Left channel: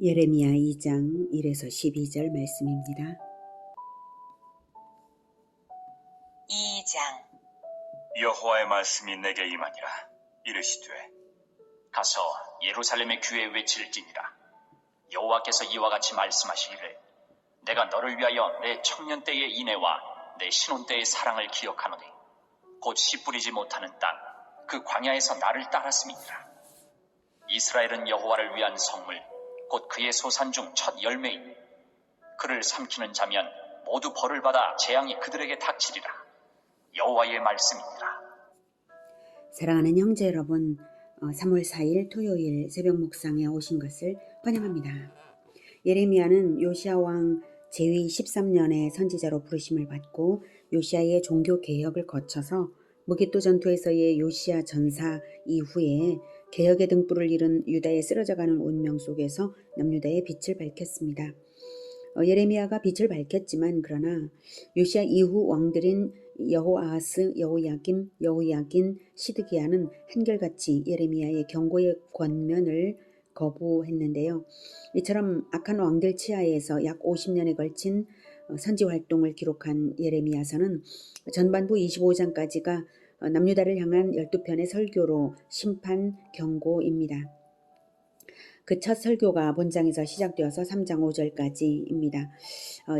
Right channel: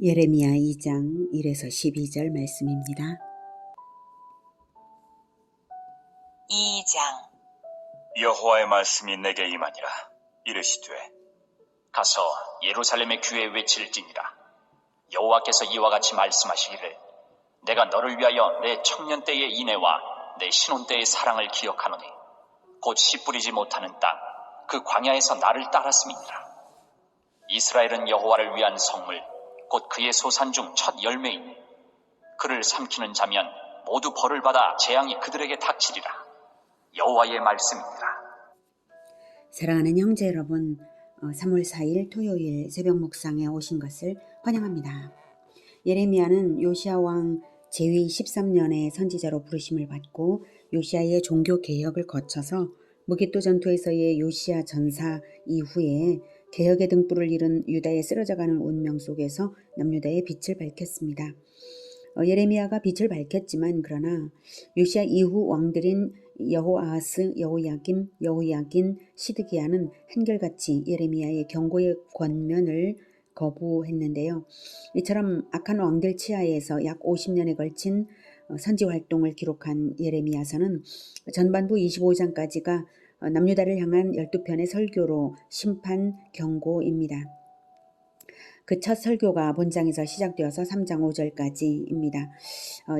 예레미야 2장 1에서 12절 말씀입니다. 2장. 여호와의 말씀이 내게 임하니라. 이르시되 가서 예루살렘의 귀에 외칠지니라. 여호와께서 이와 같이 말씀하시기를 내가 너를 위하여 내 청년 때의 인애와 내 신혼 때의 사랑을 기억하노니 곧 씨 뿌리지 못하는 땅 그 광야에서 나를 따랐음이니라. 이스라엘은 여호와를 위한 성물 곧 그의 소산 중 첫 열매이니 그를 삼키는 자면 모두 벌을 받아 재앙이 그들에게 닥치리라. 여호와의 말씀이니라. 사랑하는 형제 여러분, 3월 4일 토요일 새벽 묵상에 오신 것을 환영합니다. 예레미야는 요시야 왕 제위 13년에 선지자로 부르심을 받고 요시야의 종교 개혁을 거쳐서 무기또 전투에서의 요시야 전사 이후에 개혁의 등불을 잃은 유다의 쓰러져가는 운명 속에서 남유다의 빛을 밝혔습니다. 예레미야가 빛을 밝혔지만 그러나 요시야 이후 왕들인 여호아하스, 여호야김, 여호야긴, 시드기야는 한결같이 예레미야의 경고의 권면을 거부했는데요. 이처럼 악한 왕들 치하에서 약 50년에 걸친 선지 활동을 기록한 예레미야서는 전반부 25장까지가 남유다를 향한 12편의 설교로 심판 경고입니다. 그 첫 설교가 본장에서 시작되어서 3장 5절까지입니다.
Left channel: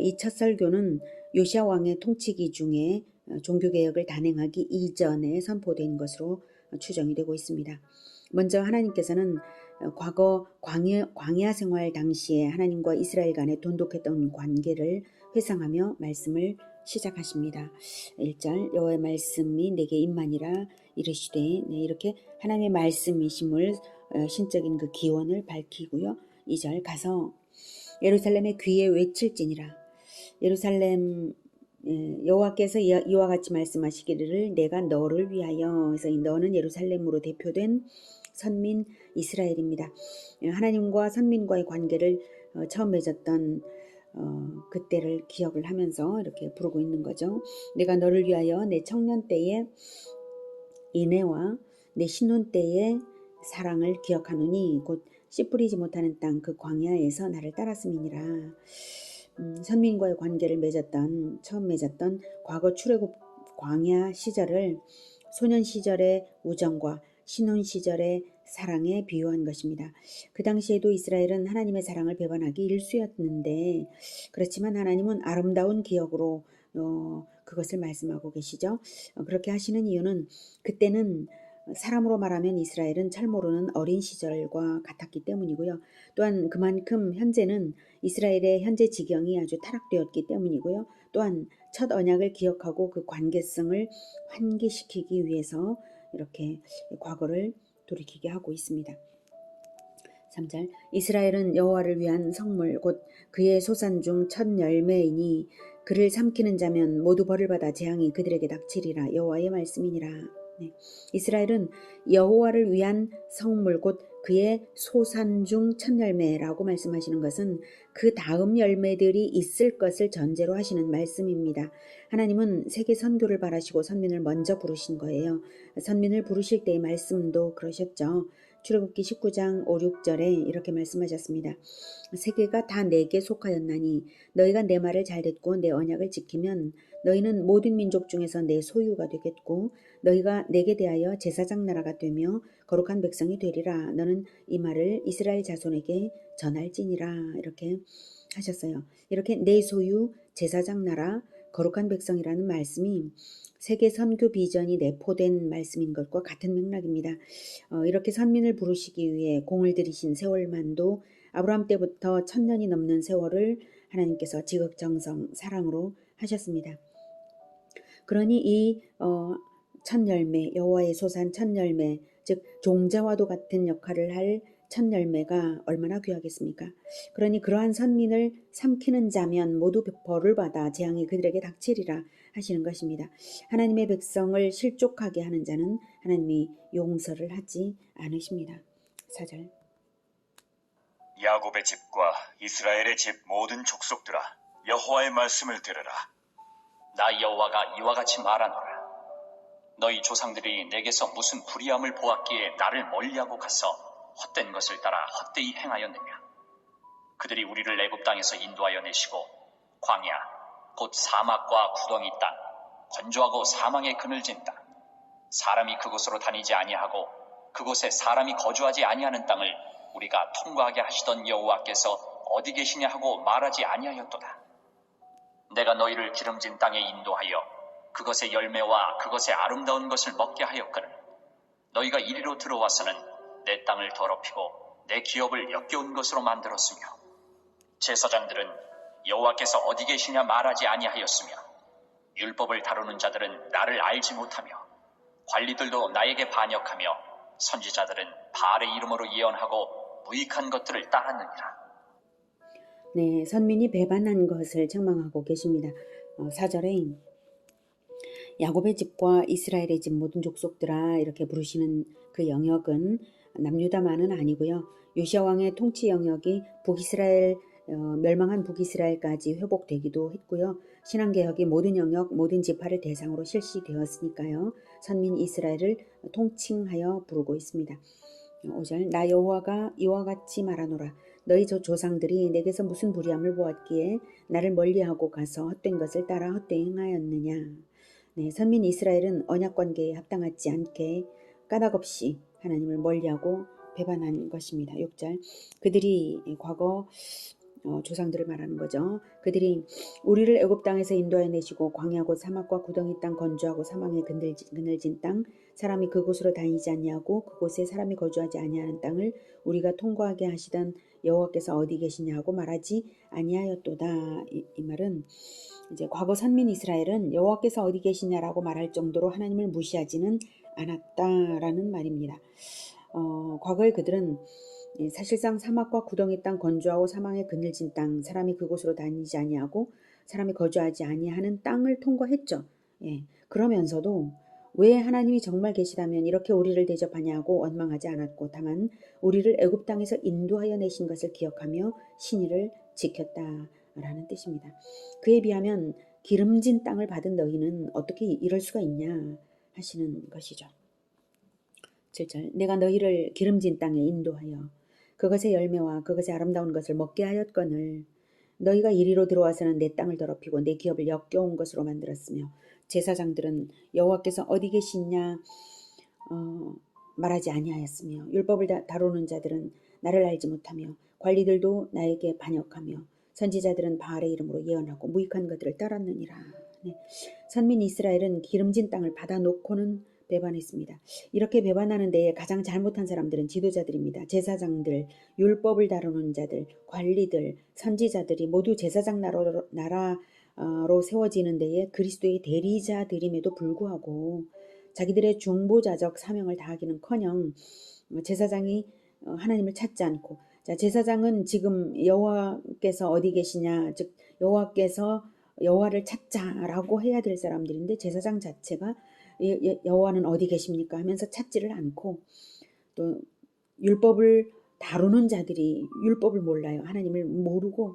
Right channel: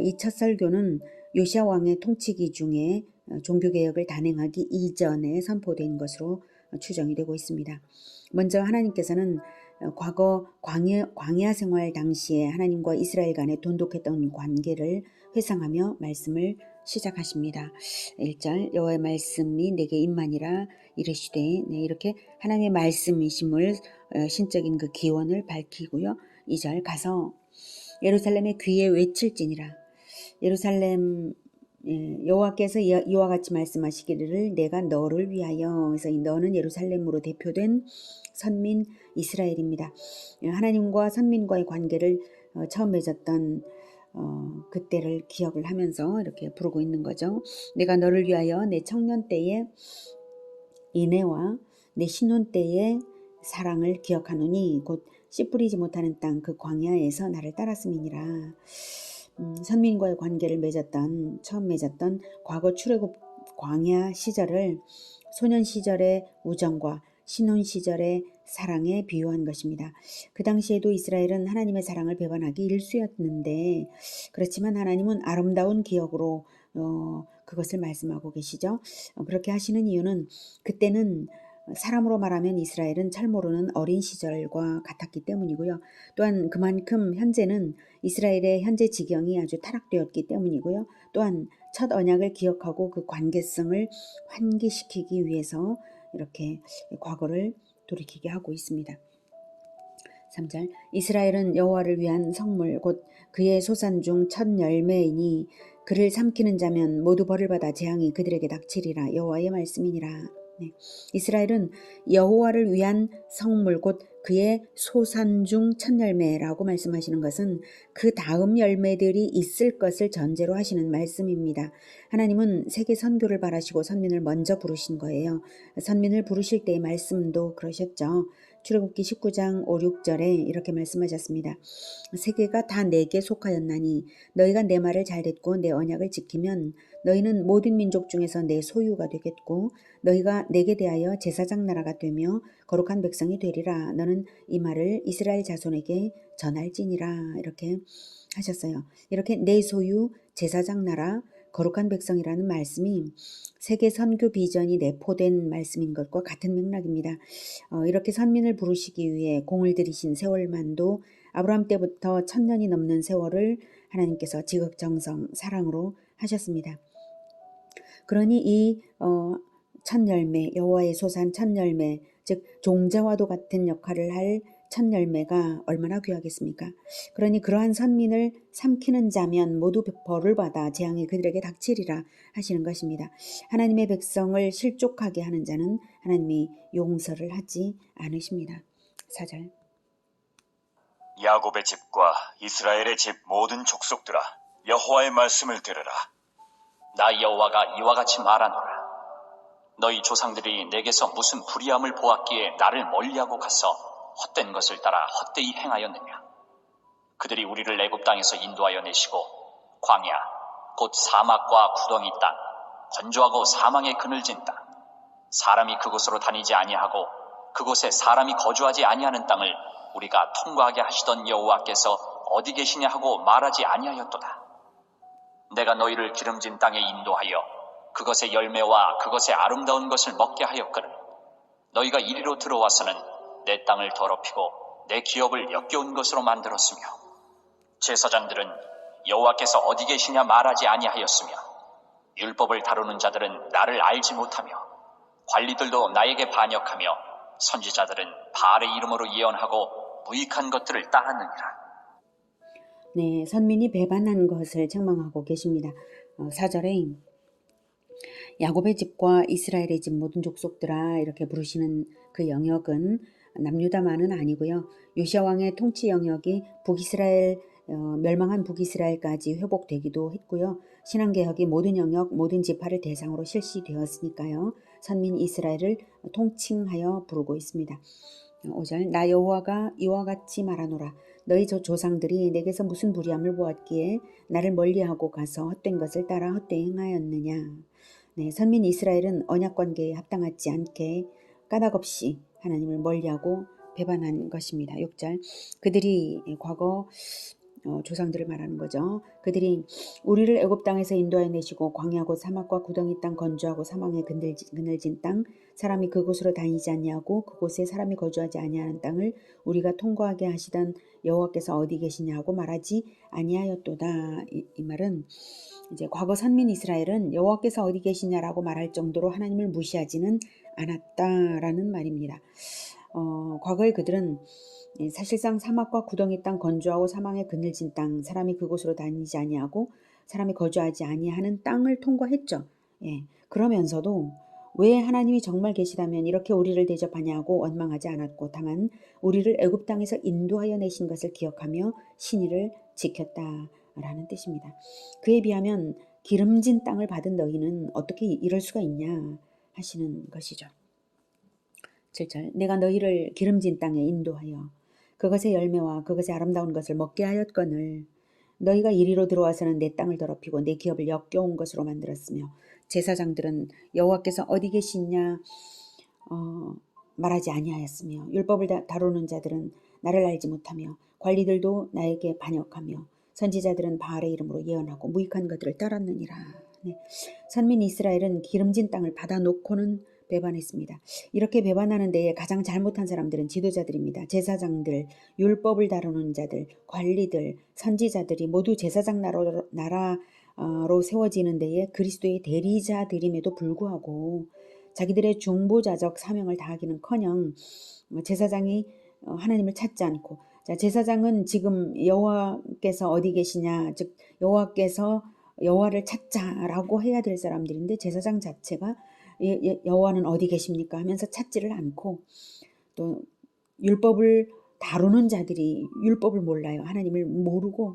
이 첫 설교는 요시야 왕의 통치기 중에 종교개혁을 단행하기 이전에 선포된 것으로 추정이 되고 있습니다. 먼저 하나님께서는 과거 광야 생활 당시에 하나님과 이스라엘 간에 돈독했던 관계를 회상하며 말씀을 시작하십니다. 1절 여호와의 말씀이 내게 임하니라 이르시되 이렇게 하나님의 말씀이심을 신적인 그 기원을 밝히고요. 2절 가서 예루살렘의 귀에 외칠지니라. 예루살렘 여호와께서 이와 같이 말씀하시기를 내가 너를 위하여, 그래서 이 너는 예루살렘으로 대표된 선민 이스라엘입니다. 하나님과 선민과의 관계를 처음 맺었던 그때를 기억을 하면서 이렇게 부르고 있는 거죠. 내가 너를 위하여 내 청년 때의 인애와 내 신혼 때의 사랑을 기억하노니 곧 씨 뿌리지 못하는 땅 그 광야에서 나를 따랐음이니라. 선민과의 관계를 처음 맺었던 과거 출애굽 광야 시절을 소년 시절의 우정과 신혼 시절의 사랑에 비유한 것입니다. 그 당시에도 이스라엘은 하나님의 사랑을 배반하기 일쑤였는데 그렇지만 하나님은 아름다운 기억으로 그것을 말씀하고 계시죠. 그렇게 하시는 이유는 그때는 사람으로 말하면 이스라엘은 잘 모르는 어린 시절과 같았기 때문이고요. 또한 그만큼 현재는 이스라엘의 현재 지경이 아주 타락되었기 때문이고요. 또한 첫 언약을 기억하고 그 관계성을 환기시키기 위해서 이렇게 과거를 돌이키게 하고 있습니다. 3절 이스라엘은 여호와를 위한 성물 곧 그의 소산 중 첫 열매이니 그를 삼키는 자면 모두 벌을 받아 재앙이 그들에게 닥치리라. 여호와의 말씀이니라. 이스라엘은 여호와를 위한 성물 곧 그의 소산 중 첫 열매라고 말씀하시는 것은 그 다음 열매들이 있을 것을 전제로 하시는 말씀입니다. 하나님은 세계 선교를 바라시고 선민을 먼저 부르신 거예요. 선민을 부르실 때의 말씀도 그러셨죠. 출애굽기 19장 5, 6절에 이렇게 말씀하셨습니다. 세계가 다 내게 속하였나니 너희가 내 말을 잘 듣고 내 언약을 지키면 너희는 모든 민족 중에서 내 소유가 되겠고 너희가 내게 대하여 제사장 나라가 되며 거룩한 백성이 되리라. 너는 이 말을 이스라엘 자손에게 전할지니라. 이렇게 하셨어요. 이렇게 내 소유, 제사장 나라, 거룩한 백성이라는 말씀이 세계 선교 비전이 내포된 말씀인 것과 같은 맥락입니다. 이렇게 선민을 부르시기 위해 공을 들이신 세월만도 아브라함 때부터 1000년이 넘는 세월을 하나님께서 지극정성 사랑으로 하셨습니다. 그러니 이 첫 열매, 여호와의 소산 첫 열매, 즉 종자와도 같은 역할을 할 첫 열매가 얼마나 귀하겠습니까? 그러니 그러한 선민을 삼키는 자면 모두 벌을 받아 재앙이 그들에게 닥치리라 하시는 것입니다. 하나님의 백성을 실족하게 하는 자는 하나님이 용서를 하지 않으십니다. 4절 야곱의 집과 이스라엘의 집 모든 족속들아 여호와의 말씀을 들으라. 나 여호와가 이와 같이 말하노라. 너희 조상들이 내게서 무슨 불의함을 보았기에 나를 멀리하고 가서 헛된 것을 따라 헛되이 행하였느냐. 그들이 우리를 애굽 땅에서 인도하여 내시고 광야 곧 사막과 구덩이 땅 건조하고 사망의 그늘진 땅 사람이 그곳으로 다니지 아니하고 그곳에 사람이 거주하지 아니하는 땅을 우리가 통과하게 하시던 여호와께서 어디 계시냐 하고 말하지 아니하였도다. 내가 너희를 기름진 땅에 인도하여 그것의 열매와 그것의 아름다운 것을 먹게 하였거늘 너희가 이리로 들어와서는 내 땅을 더럽히고 내 기업을 역겨운 것으로 만들었으며 제사장들은 여호와께서 어디 계시냐 말하지 아니하였으며 율법을 다루는 자들은 나를 알지 못하며 관리들도 나에게 반역하며 선지자들은 바알의 이름으로 예언하고 무익한 것들을 따랐느니라. 네, 선민이 배반한 것을 책망하고 계십니다. 4절에 야곱의 집과 이스라엘의 집 모든 족속들아 이렇게 부르시는 그 영역은 남유다만은 아니고요. 요시야 왕의 통치 영역이 북이스라엘 멸망한 북이스라엘까지 회복되기도 했고요. 신앙개혁이 모든 영역 모든 지파를 대상으로 실시되었으니까요. 선민 이스라엘을 통칭하여 부르고 있습니다. 5절 나 여호와가 이와 같이 말하노라 너희 저 조상들이 내게서 무슨 불의함을 보았기에 나를 멀리하고 가서 헛된 것을 따라 헛되이 행하였느냐. 네, 선민 이스라엘은 언약관계에 합당하지 않게 까닭없이 하나님을 멀리하고 배반한 것입니다. 6절 그들이 과거 조상들을 말하는 거죠. 그들이 우리를 애굽 땅에서 인도하여 내시고 광야고 사막과 구덩이 땅 건조하고 사망의 그늘진 땅 사람이 그곳으로 다니지 아니하고 그곳에 사람이 거주하지 아니하는 땅을 우리가 통과하게 하시던 여호와께서 어디 계시냐고 말하지 아니하였도다. 이 말은 이제 과거 선민 이스라엘은 여호와께서 어디 계시냐라고 말할 정도로 하나님을 무시하지는 않았다라는 말입니다. 과거의 그들은 사실상 사막과 구덩이 땅 건조하고 사망의 그늘진 땅 사람이 그곳으로 다니지 아니하고 사람이 거주하지 아니하는 땅을 통과했죠. 예, 그러면서도 왜 하나님이 정말 계시다면 이렇게 우리를 대접하냐고 원망하지 않았고 다만 우리를 애굽 땅에서 인도하여 내신 것을 기억하며 신의를 지켰다라는 뜻입니다. 그에 비하면 기름진 땅을 받은 너희는 어떻게 이럴 수가 있냐 하시는 것이죠. 7절 내가 너희를 기름진 땅에 인도하여 그것의 열매와 그것의 아름다운 것을 먹게 하였거늘 너희가 이리로 들어와서는 내 땅을 더럽히고 내 기업을 역겨운 것으로 만들었으며 제사장들은 여호와께서 어디 계시냐 말하지 아니하였으며 율법을 다루는 자들은 나를 알지 못하며 관리들도 나에게 반역하며 선지자들은 바알의 이름으로 예언하고 무익한 것들을 따랐느니라. 네. 선민 이스라엘은 기름진 땅을 받아놓고는 배반했습니다. 이렇게 배반하는 데에 가장 잘못한 사람들은 지도자들입니다. 제사장들, 율법을 다루는 자들, 관리들, 선지자들이 모두 제사장 나라로 세워지는 데에 그리스도의 대리자들임에도 불구하고 자기들의 중보자적 사명을 다하기는커녕 제사장이 하나님을 찾지 않고 제사장은 지금 여호와께서 어디 계시냐 즉 여호와를 찾자라고 해야 될 사람들인데 제사장 자체가 여호와는 어디 계십니까 하면서 찾지를 않고 또 율법을 다루는 자들이 율법을 몰라요. 하나님을 모르고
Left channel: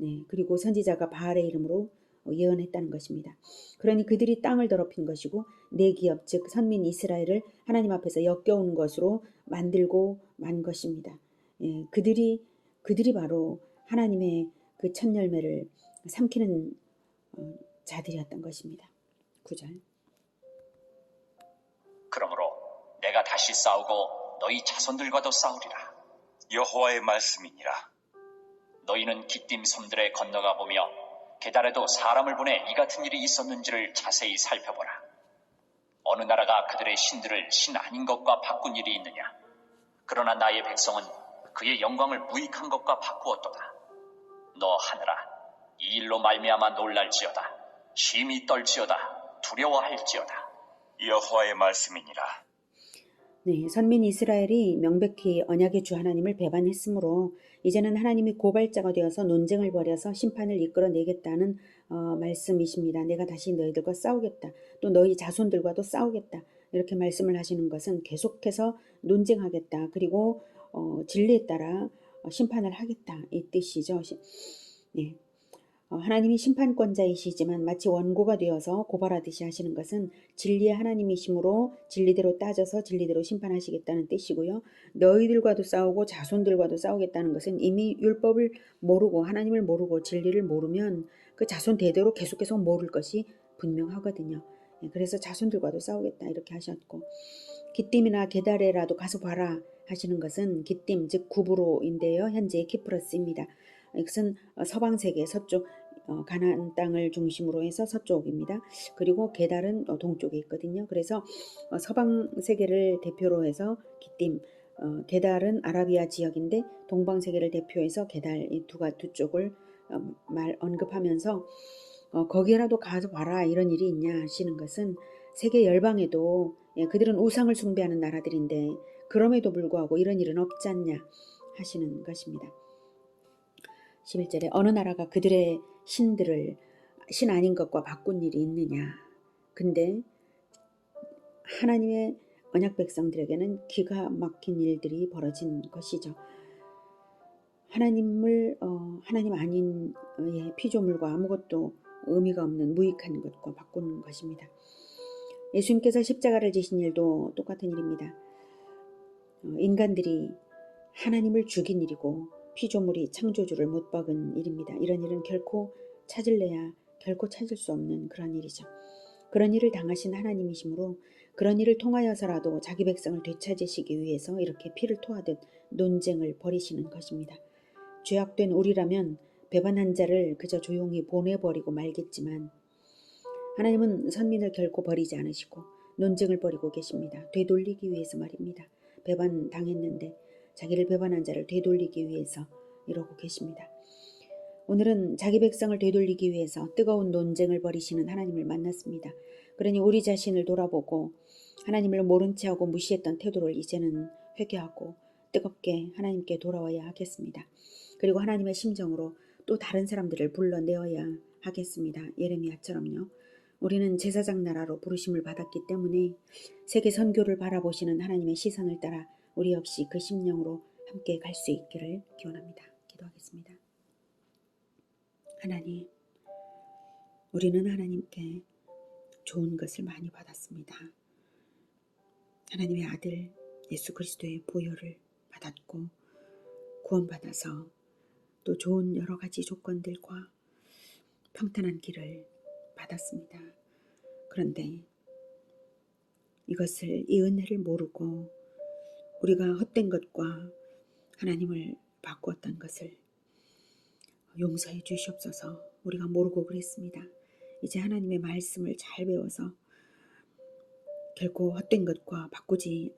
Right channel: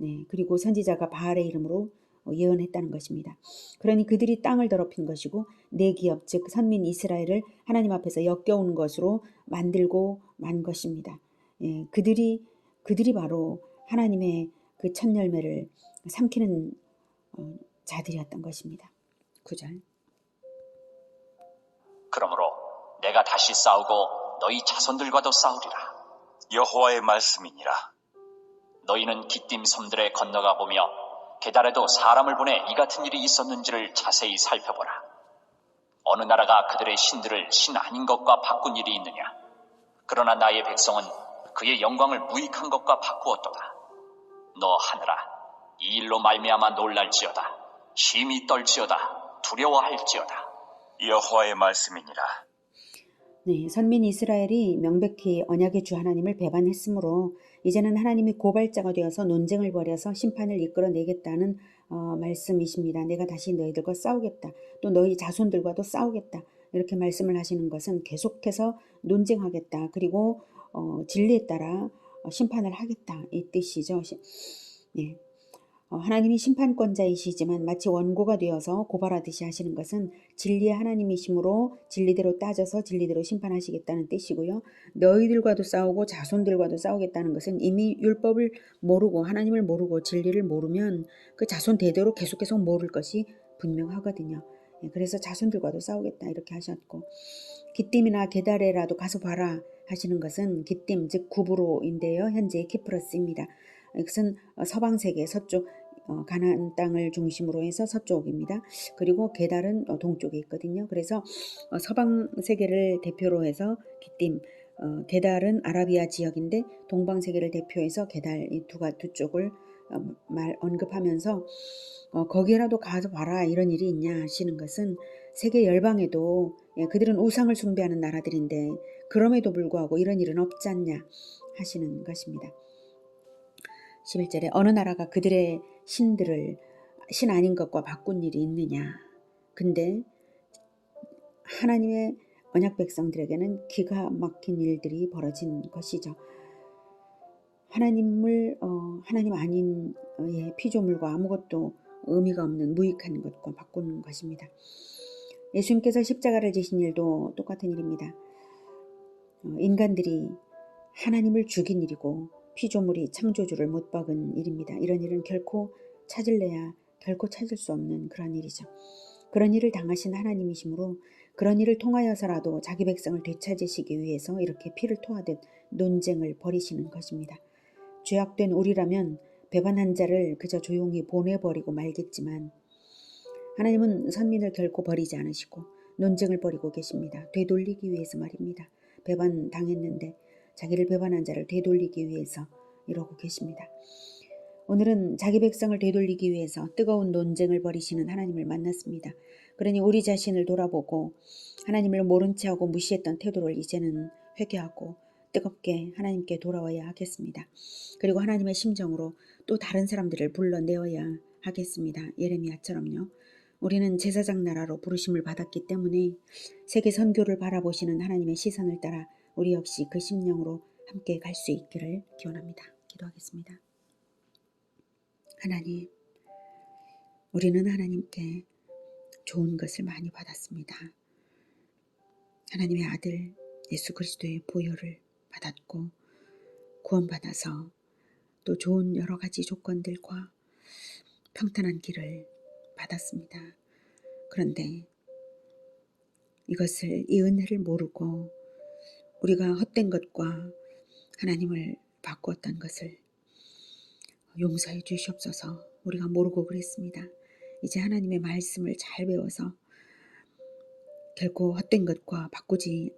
네, 그리고 선지자가 바알의 이름으로 예언했다는 것입니다. 그러니 그들이 땅을 더럽힌 것이고 내 기업 즉 선민 이스라엘을 하나님 앞에서 역겨운 것으로 만들고 만 것입니다. 예, 그들이 바로 하나님의 그 첫 열매를 삼키는 자들이었던 것입니다. 9절 그러므로 내가 다시 싸우고 너희 자손들과도 싸우리라. 여호와의 말씀이니라. 너희는 기띔 섬들에 건너가 보며 게달에도 사람을 보내 이 같은 일이 있었는지를 자세히 살펴보라. 어느 나라가 그들의 신들을 신 아닌 것과 바꾼 일이 있느냐. 그러나 나의 백성은 그의 영광을 무익한 것과 바꾸었도다. 너 하늘아 이 일로 말미암아 놀랄지어다. 심히 떨지어다. 두려워할지어다. 여호와의 말씀이니라. 네, 선민 이스라엘이 명백히 언약의 주 하나님을 배반했으므로 이제는 하나님이 고발자가 되어서 논쟁을 벌여서 심판을 이끌어내겠다는 말씀이십니다. 내가 다시 너희들과 싸우겠다. 또 너희 자손들과도 싸우겠다. 이렇게 말씀을 하시는 것은 계속해서 논쟁하겠다. 그리고 진리에 따라 심판을 하겠다. 이 뜻이죠. 네. 하나님이 심판권자이시지만 마치 원고가 되어서 고발하듯이 하시는 것은 진리의 하나님이시므로 진리대로 따져서 진리대로 심판하시겠다는 뜻이고요. 너희들과도 싸우고 자손들과도 싸우겠다는 것은 이미 율법을 모르고 하나님을 모르고 진리를 모르면 그 자손 대대로 계속 모를 것이 분명하거든요. 그래서 자손들과도 싸우겠다 이렇게 하셨고, 기띔이나 게달에라도 가서 봐라 하시는 것은, 기띔 즉 구브로인데요. 현재 키프러스입니다. 이것은 서방 세계 서쪽 가나안 땅을 중심으로 해서 서쪽입니다. 그리고 게달은 동쪽에 있거든요. 그래서 서방 세계를 대표로 해서 기띔, 게달은 아라비아 지역인데 동방 세계를 대표해서 게달, 이 두 쪽을 언급하면서 거기라도 가서 봐라 이런 일이 있냐 하시는 것은, 세계 열방에도 그들은 우상을 숭배하는 나라들인데 그럼에도 불구하고 이런 일은 없지 않냐 하시는 것입니다. 11절에 어느 나라가 그들의 신들을 신 아닌 것과 바꾼 일이 있느냐. 근데 하나님의 언약 백성들에게는 기가 막힌 일들이 벌어진 것이죠. 하나님 아닌 피조물과 아무것도 의미가 없는 무익한 것과 바꾸는 것입니다. 예수님께서 십자가를 지신 일도 똑같은 일입니다. 인간들이 하나님을 죽인 일이고 피조물이 창조주를 못 박은 일입니다. 이런 일은 결코 찾을래야 결코 찾을 수 없는 그런 일이죠. 그런 일을 당하신 하나님이시므로 그런 일을 통하여서라도 자기 백성을 되찾으시기 위해서 이렇게 피를 토하듯 논쟁을 벌이시는 것입니다. 죄악된 우리라면 배반한 자를 그저 조용히 보내버리고 말겠지만, 하나님은 선민을 결코 버리지 않으시고 논쟁을 벌이고 계십니다. 되돌리기 위해서 말입니다. 배반당했는데 자기를 배반한 자를 되돌리기 위해서 이러고 계십니다. 오늘은 자기 백성을 되돌리기 위해서 뜨거운 논쟁을 벌이시는 하나님을 만났습니다. 그러니 우리 자신을 돌아보고 하나님을 모른 채하고 무시했던 태도를 이제는 회개하고 뜨겁게 하나님께 돌아와야 하겠습니다. 그리고 하나님의 심정으로 또 다른 사람들을 불러내어야 하겠습니다. 예레미야처럼요. 우리는 제사장 나라로 부르심을 받았기 때문에 세계 선교를 바라보시는 하나님의 시선을 따라 우리 역시 그 심령으로 함께 갈 수 있기를 기원합니다. 기도하겠습니다. 하나님, 우리는 하나님께 좋은 것을 많이 받았습니다. 하나님의 아들 예수 그리스도의 보혈을 받았고 구원받아서 또 좋은 여러 가지 조건들과 평탄한 길을 받았습니다. 그런데 이 은혜를 모르고 우리가 헛된 것과 하나님을 바꾸었던 것을 용서해 주시옵소서. 우리가 모르고 그랬습니다. 이제 하나님의 말씀을 잘 배워서 결코 헛된 것과 바꾸지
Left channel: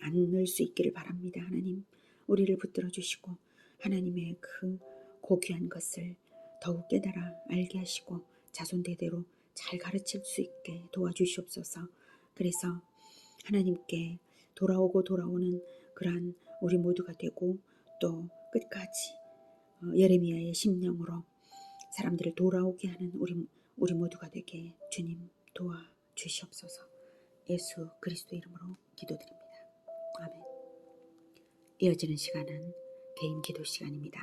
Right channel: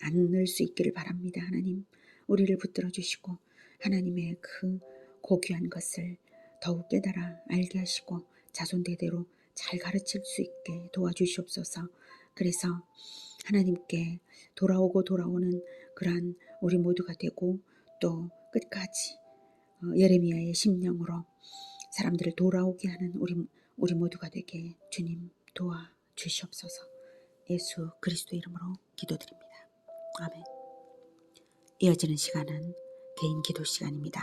않을 수 있기를 바랍니다. 하나님, 우리를 붙들어 주시고 하나님의 그 고귀한 것을 더욱 깨달아 알게 하시고 자손대대로 잘 가르칠 수 있게 도와주시옵소서. 그래서 하나님께 돌아오는 그러한 우리 모두가 되고 또 끝까지 예레미야의 심령으로 사람들을 돌아오게 하는 우리 모두가 되게 주님 도와주시옵소서. 예수 그리스도 이름으로 기도드립니다. 아멘. 이어지는 시간은 개인 기도 시간입니다.